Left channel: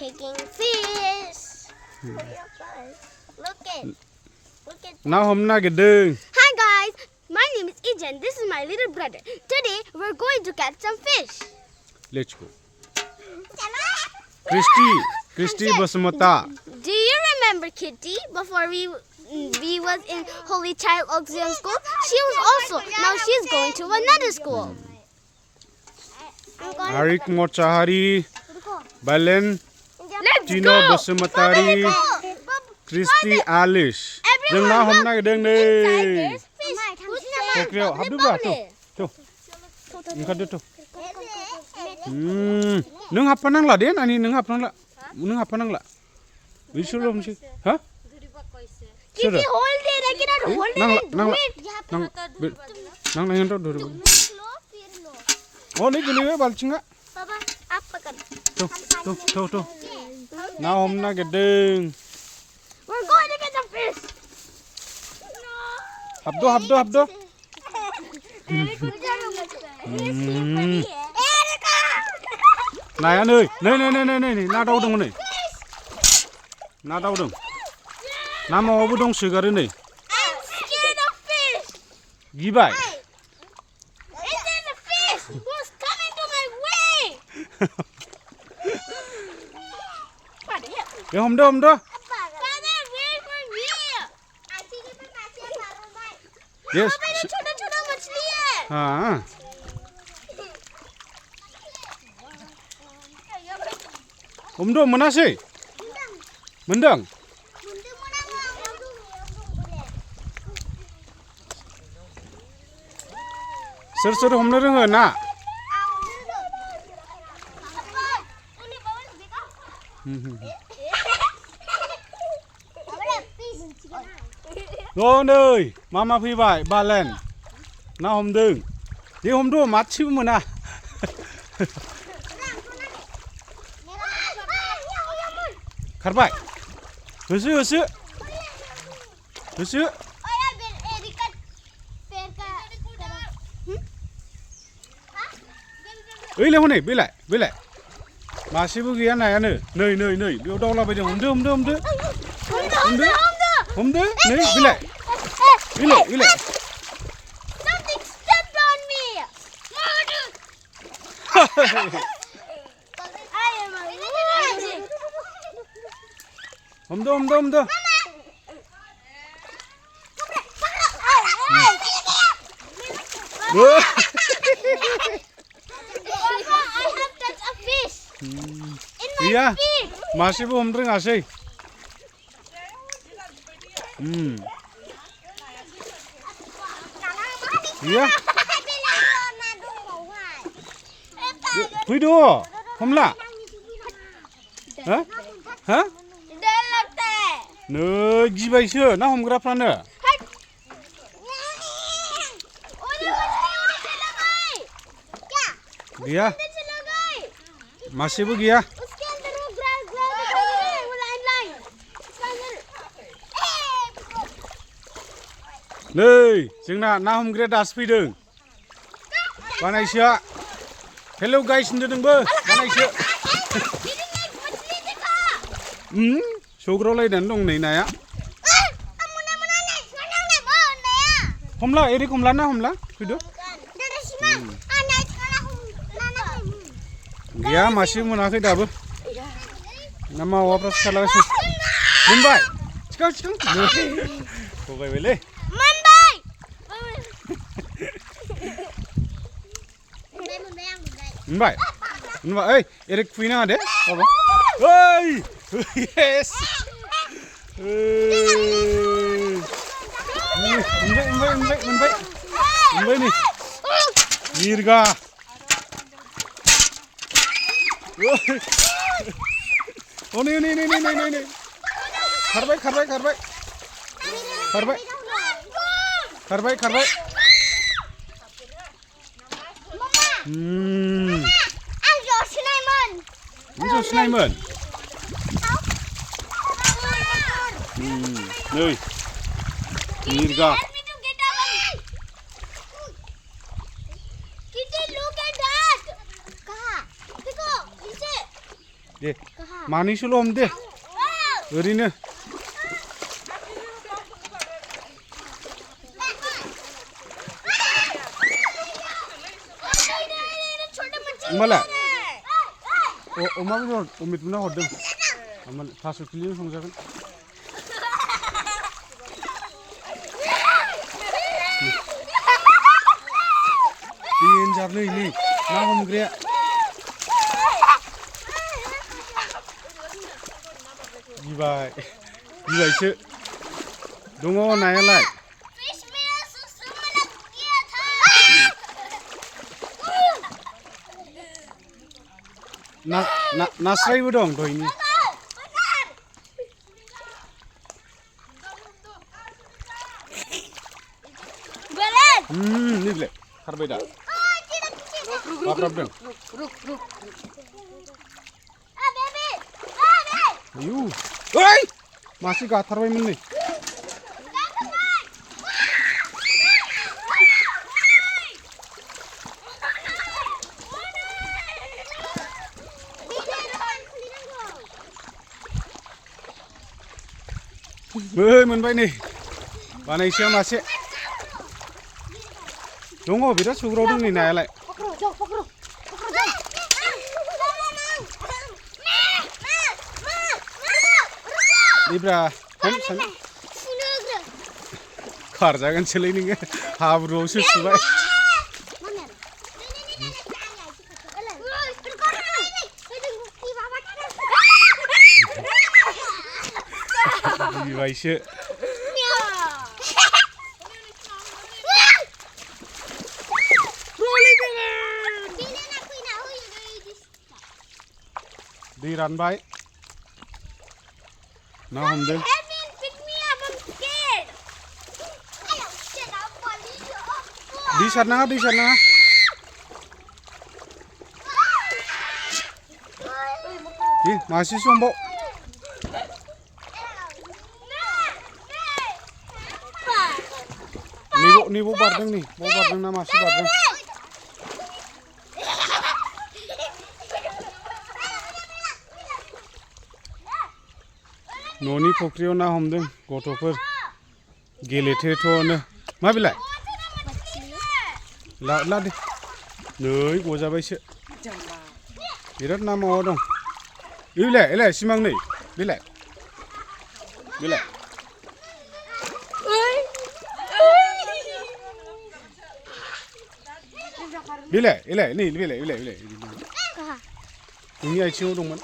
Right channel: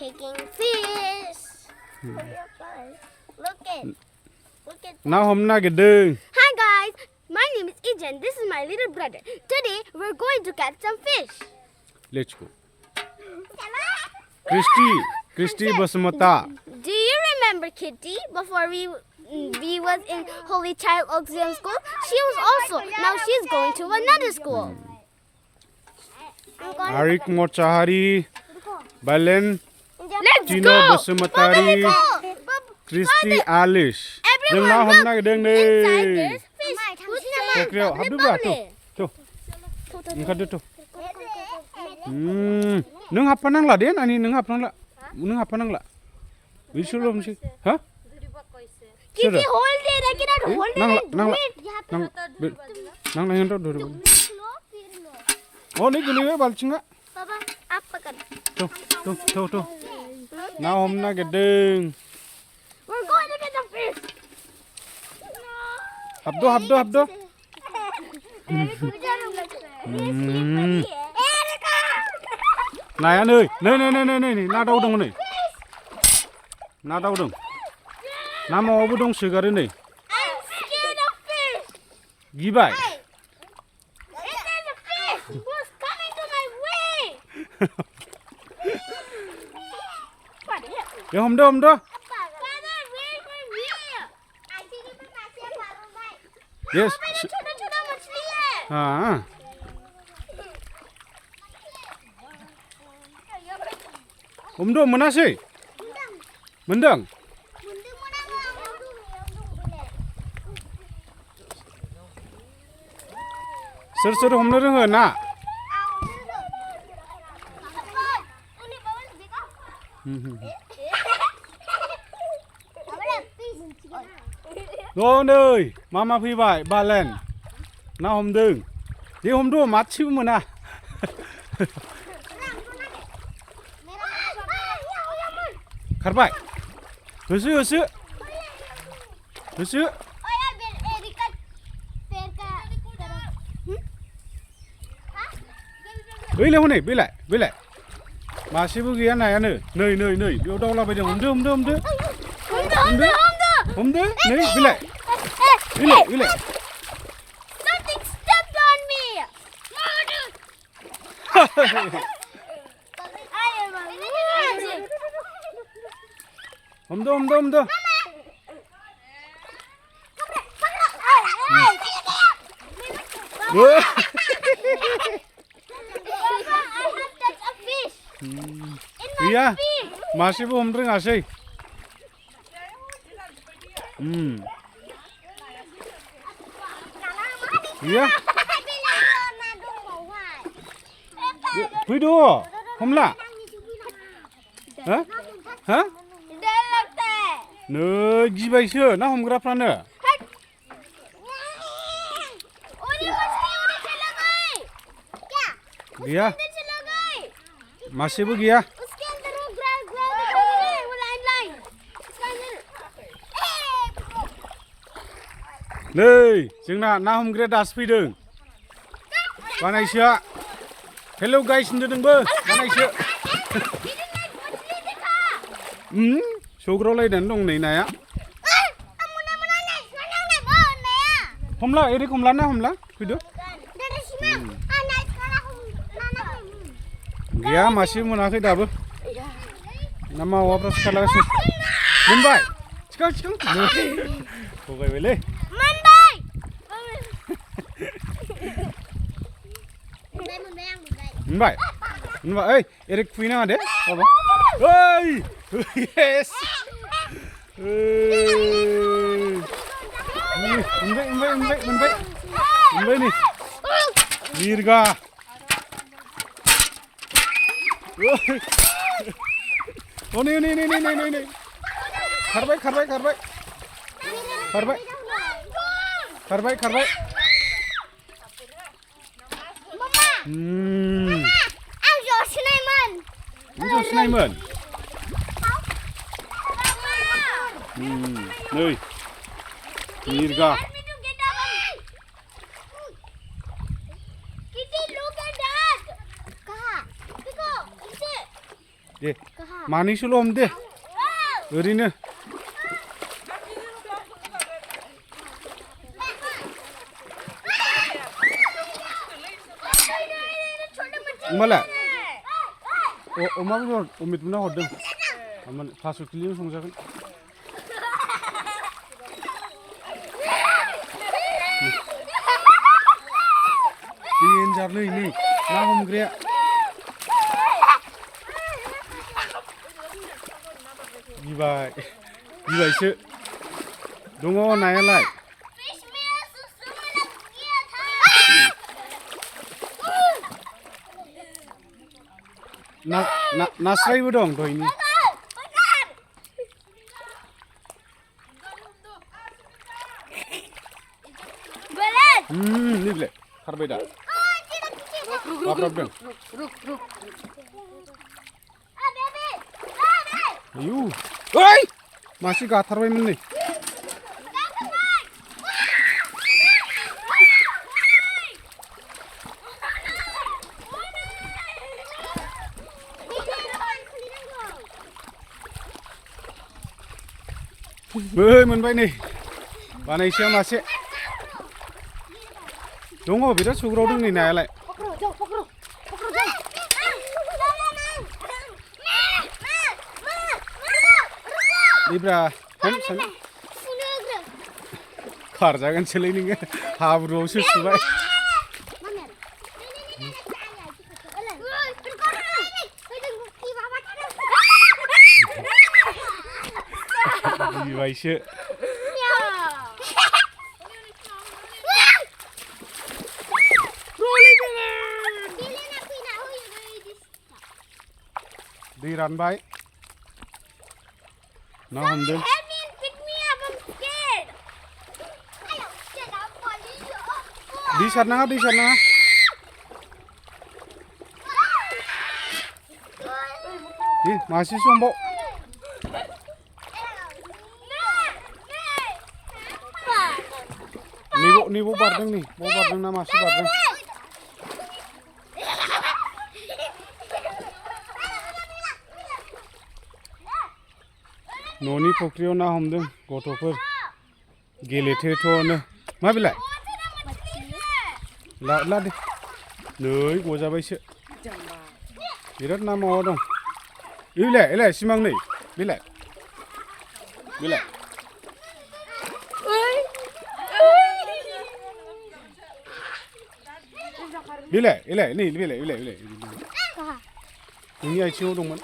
taking fish. Look at. ना हमना गिदों Hi guys, my name is Ijan. This is my little brother. Today we're going to catch some fish. let's go Christy Basmata Do you remember Kitty before we was in Holy Child Auxilium School? She was also now she's going to another school. Arik Mochahari Balen Let's Tino go. Basmatari Christy Alice जों ना हमना गिदों नै फख्रियाव हाबदोब्रा थ' ओंखारदो थ' नों हाबफानांला दे नानि नों हाबफानांला बिसोरल' हमसै हा Kitty, hold it. I cannot hold it and do it. नांला हेंथ' धरो अ नै गोलैबाय बालथिङा Papa, up पकड़. थ' ना हमना गिदों We're going to get the fish. हाबदो नाया नै ना दावदों नै ना मावाबो दंसोगारो नै I'm scared of fish. गिबाय And then the fish was coming to my way. ए हमदो Father, wait for me. yes छोटा मछली है. हाँ हमदो मोनासै मोनदों सोर हमनो रोङो ना अ नै मामा फैबाय बालेन ना हमदों दे हमदो मासेबो मोना खारबाय होसो ओइलाय हनै बेलाय मासेबो गैया नायानो नै बेयाव दावलाबायदों हमदो नै बेलाय Something stepped on me. I am a loser. हमदो गैया मासेबो हमनो रोङासै गैया फैद' हमला हा नै गिबायसो ना हमग्राफ्रानो गैया मासेबो गैया नै जोंना ना हमग्राया दासो फैदों बानायसोआ हेलौ गाइस होनदो नोंबो बानायसो सौग्रावलायनानै दं नै नाया हमला एरिक हमला ना हमला फैदो गैया मासेबो मोनाखै दाबो ना मावाफ्रासो खारलागासिनो मोनबाय थिखां थगायबायलै मोनबाय ओइ एरिक खुबैनाङा दे बाबा ओइ येस मोनबाय नै मिरगा नै खारबाय जसिनायमोन नै मिरगा दे मानैसोल' हमदे ओरैनो होमबालाय अमा बेदर अमितमोना हरदों थास' खिलिजों संजागोन देन्जार नै ना हमग्राया गिबायसो दङ नायालाय नास्रायबो दं दहायनि नैलाय खारबाय दा बाब्राबदों आयु ओइ मासे गाथारबायमोन नै मोनबाय नै बानायसेया मासे दङ बिराद सौग्रावदों नै नायालाय Libra, खारजागोनसोलै नोङो हाब्रुआवसो सुबाय गिबायसो दै रानबाय ना हमदों दै सारनाङा मासेसो हमबाव नैबाव बारदों नै बाव बारदों ना मासे बारदों न'नि फुख्रियाव ना हमदों गथ'फोर गेलेथेथ'नो मा बिलाय ला दे नै गजाबायसो बिराद ना मावा दं बिलाय सिमां नै बिलाय नै बिलाय नोंनि आथिङाव दंमोन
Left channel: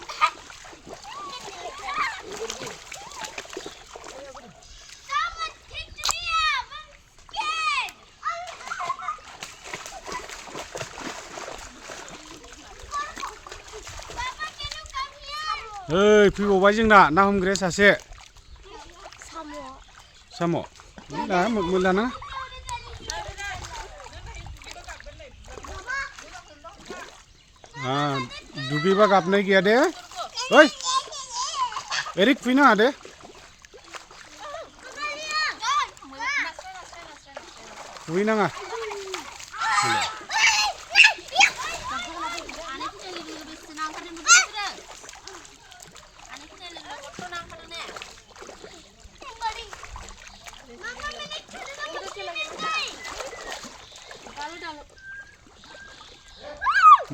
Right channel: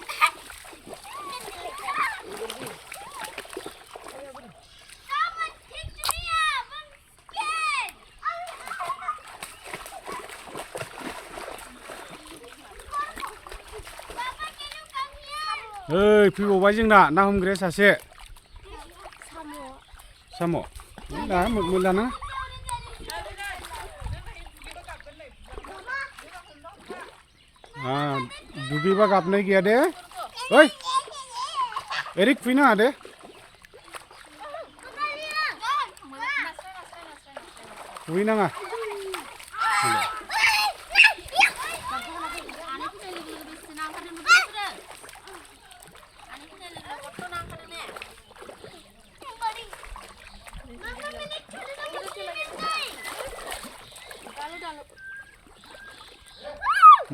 ओइ फैबावबाय जोंना ना हमग्राया सासे साम' लाना दुगैबा गाबनाय गैया दे ओइ एरै खुबैनाङा दे खुबैनाङा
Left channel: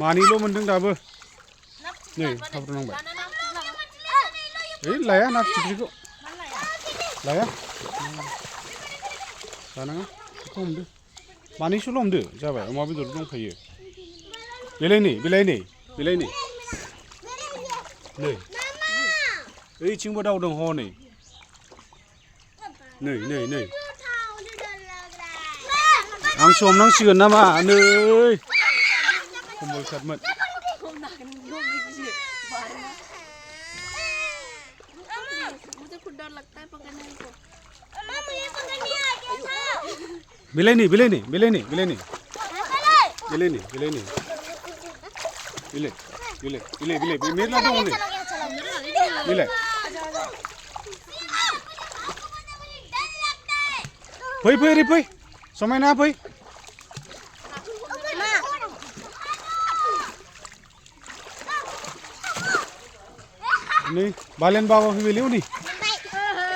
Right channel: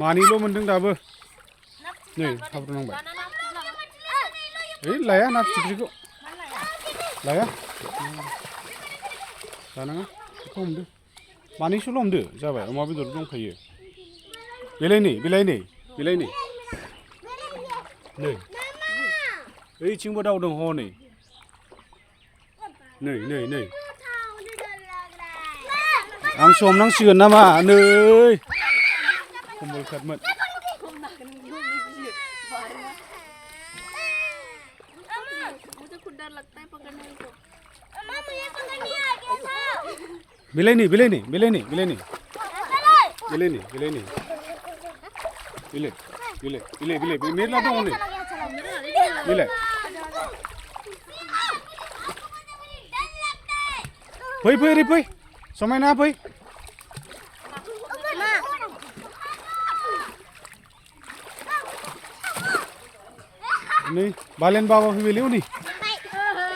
मानैल' मोनदों दाबो नै हाब्रुनांबाय ओइ लाया ना फिथिख्रिखौ लाया लानाङा बेखौ हमदो मानैसोल' हमदो जाबाय अमा बेदर दंखायो बेलाय नै ओइथिंबो दावदों हनै नै आंसो हमनांसिगोन नामा नै कम्बल काटमोन बिलाय नै मेरला दङ नै बिलाय फै समायना फै Nih, balen bawa fibeli nih.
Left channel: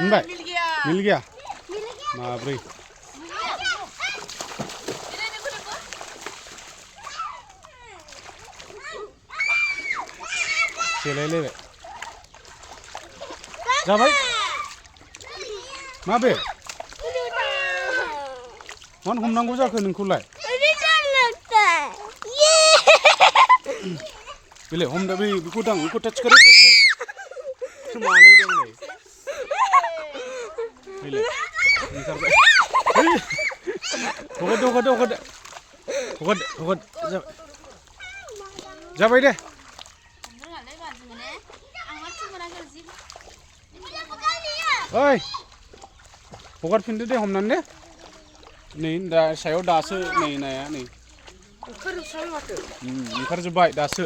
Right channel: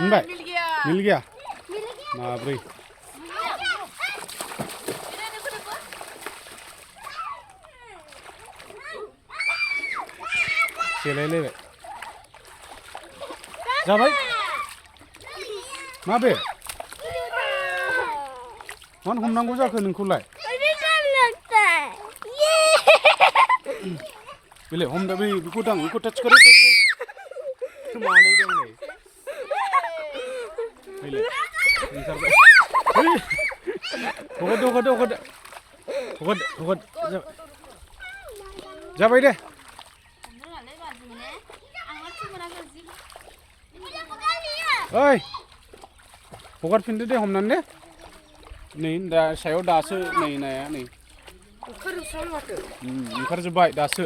Mbak. Mil gaya. Mabri. Selele. Jabai. Mabe. Man हमनांगौ जाखो नोंखौलाय? Bile हमदा बेखौ दां बेखौ टाच करो मानै दं नै Bile ओंखारबाय हगद जाबाय दे ओइ हगारफिनदो दे हमनानै दे नै दा सायाव दासो नै नाया नै ओंखारजोब्बाय दासो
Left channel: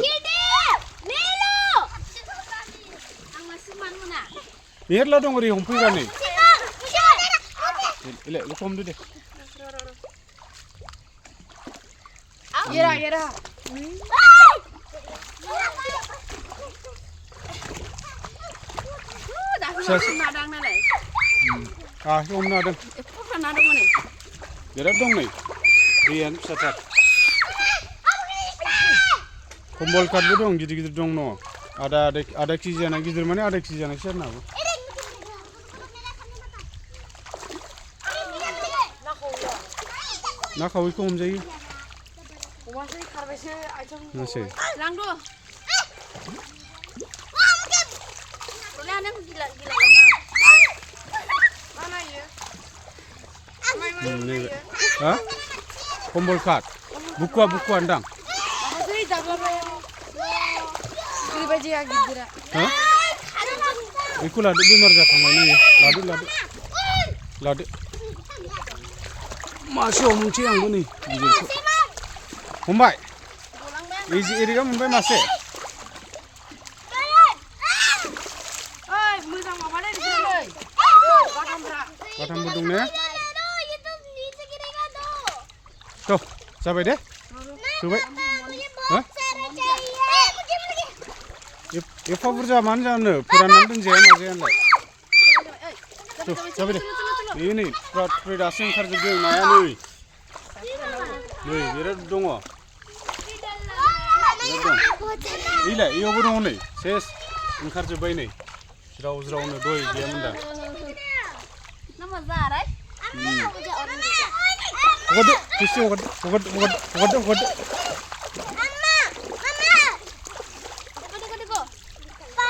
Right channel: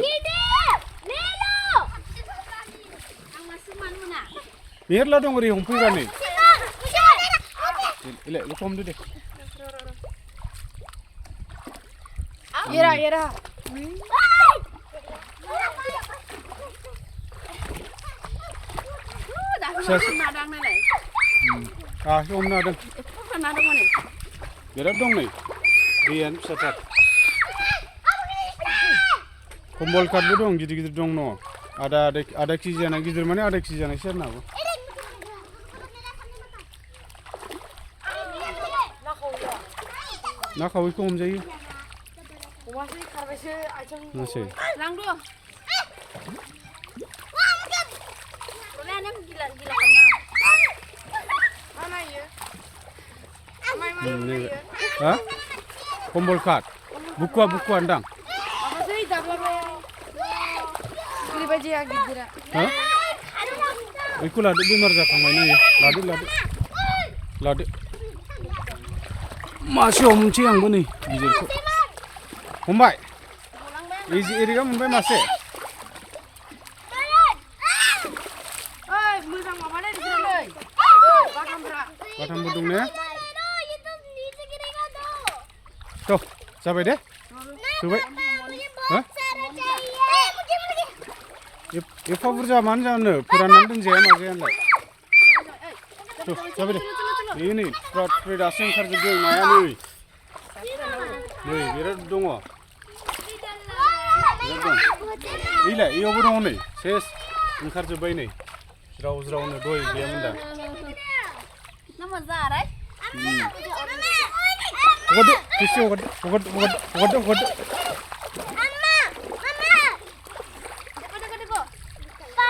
मेरला दं ओरै हमफैबा नै इले बेखौ हमदो दे Era. Madang nalai. हमनो हादों बिराद दं नै दैयानो फिसाथार कम्बल काटबो दं गिदिर दं न आधा केजि जानाय गिदिर माने आधा केजि जानाय सोरनाबो ना खावैखौ हमजायो नासै Langdo. Ha? Kembol kat. Buku andang. Apa sih dabla bayar? Kiri baju ya gidira. Ha? Iku ladu bimar jakamai ni. Ladu. Masih omci yang ni. Mumbai. Iri kan Mumbai masih. Mulai apa nih di sini? Katam bedung ni. Tuh, sampai deh. Coba. Hah? Epa burja mana jauh puranan tuh jaya macam ni. Tuh, sampai deh. Ini prat asing kerja dia naya ni. Nih, biar dong. Biar dong. Iya, iya burung ni. Ses, kerja bayi ni. Zrau ni doi dia menda. Nama Zara. Hogad, kisi hogad.